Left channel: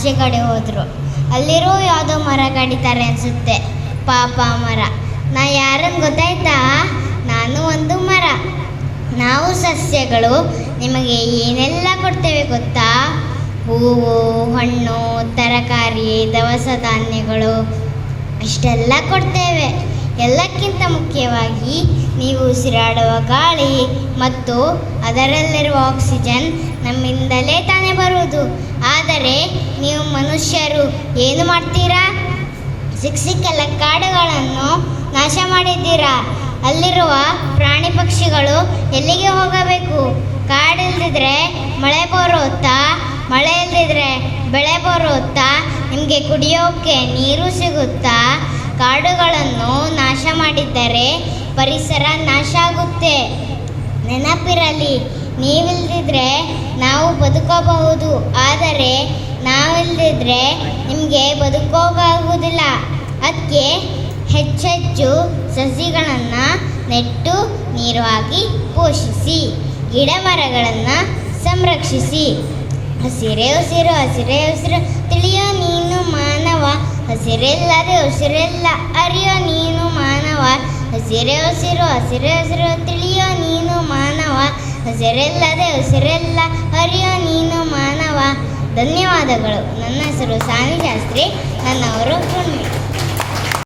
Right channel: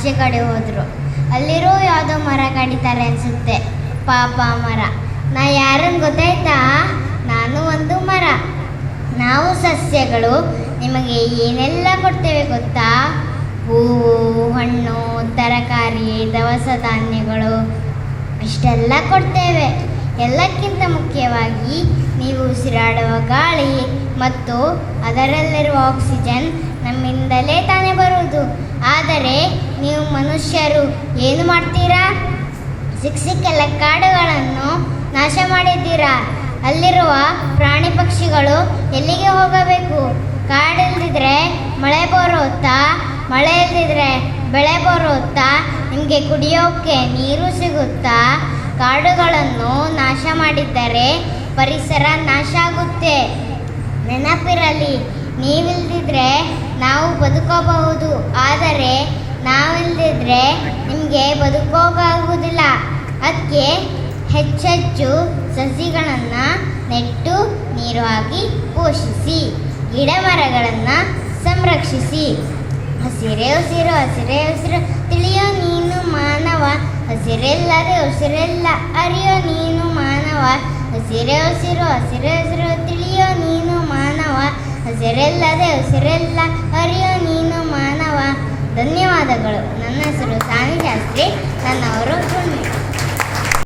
ಆಚೆ ಕಡೆ ಹೋದರು. ಅಲ್ಲಿರೋ ಯಾವುದೋ ಮರ ಕಡಿತಾರೆ ಅನಿಸುತ್ತೆ. ಪಾಪ ಮರ. ನಾ ಯಾರನ್ನು ಗೊತ್ತಾಯ್ತಾ? ನಾನು ಒಂದು ಮರ. ನಾವು ಸಸ್ಯಗಳು ನಿಮಗೆ ಏನೆಲ್ಲ ಕೊಡ್ತೇವೆ ಗೊತ್ತಾ? ಹೂವು, ಹಣ್ಣು, ತರಕಾರಿ, ದವಸ ಧಾನ್ಯಗಳು ಇಷ್ಟೆಲ್ಲ ಕೊಡ್ತೇವೆ. ಎಲ್ಲಕ್ಕಿಂತ ಮುಖ್ಯವಾಗಿ ನೀವು ಉಸಿರಾಡುವ ಗಾಳಿ ಮತ್ತು ಅದರಲ್ಲಿರುವ ಆಕ್ಸಿಜನ್ ನಮ್ಮಿಂದಲೇ ತಾನೇ ಬರುವುದು. ಆದರೆ ನೀವು ಮನುಷ್ಯರು ಏನು ಮಾಡ್ತೀರಾ? ಸಿಕ್ಕೆಲ್ಲ ಕಾಡುಗಳನ್ನು ನಾಶ ಮಾಡಿದ್ದೀರಾ. ಅಲ್ಲಿರುವ ಪ್ರಾಣಿ ಪಕ್ಷಿಗಳು ಎಲ್ಲಿಗೆ ಹೋಗಬೇಕು? ಕಾಡಿಲ್ದಿದ್ರೆ ಮಳೆ ಬರುತ್ತಾ? ಮಳೆ ಇಲ್ದಿದ್ರೆ ಬೆಳೆ ಬರುತ್ತಾ? ನಿಮಗೆ ಕುಡಿಯೋಕೆ ನೀರು ಸಿಗುತ್ತಾ? ಕಾಡುಗಳನ್ನು ನಾಶ ಮಾಡಿದ್ದರೆ ಪರಿಸರ ನಾಶ ಆಗುತ್ತೆ. ನೆನಪಿರಲಿ, ನೀವಿಲ್ದಿದ್ರೆ ನಾವು ಬದುಕಬಹುದು, ಆದರೆ ನಾವಿಲ್ದಿದ್ರೆ ನಿಮಗೆ ಬದುಕೋಕಾಗುವುದಿಲ್ಲ. ಅದಕ್ಕೆ ಹೆಚ್ಚೆಚ್ಚು ಸಸಿಗಳನ್ನು ನೆಟ್ಟು ನೀರು ಹಾಕಿ ಪೋಷಿಸಿ. ಗಿಡ ಮರಗಳನ್ನು ಸಂರಕ್ಷಿಸಿ. ಹಸಿರೇ ಉಸಿರು, ಹಸಿರೇ ಉಸಿರು, ತಿಳಿಯೋ ನೀನು ಮಾನವ. ಹಸಿರಿಲ್ಲದೆ ಉಸಿರಿಲ್ಲ, ಅರಿಯೋ ನೀನು ಮಾನವ. ಹಸಿರೇ ಉಸಿರು, ಹಸಿರೇ ಉಸಿರು, ತಿಳಿಯೋ ನೀನು ಮಾನವ. ಹಸಿರಿಲ್ಲದೆ ಉಸಿರಿಲ್ಲ, ಅರಿಯೋ ನೀನು ಮಾನವ. ಧನ್ಯವಾದಗಳು. ನನ್ನ ಹೆಸರು ಸಾನಿ ಶಾಸ್ತ್ರಿ. ನನ್ನವರು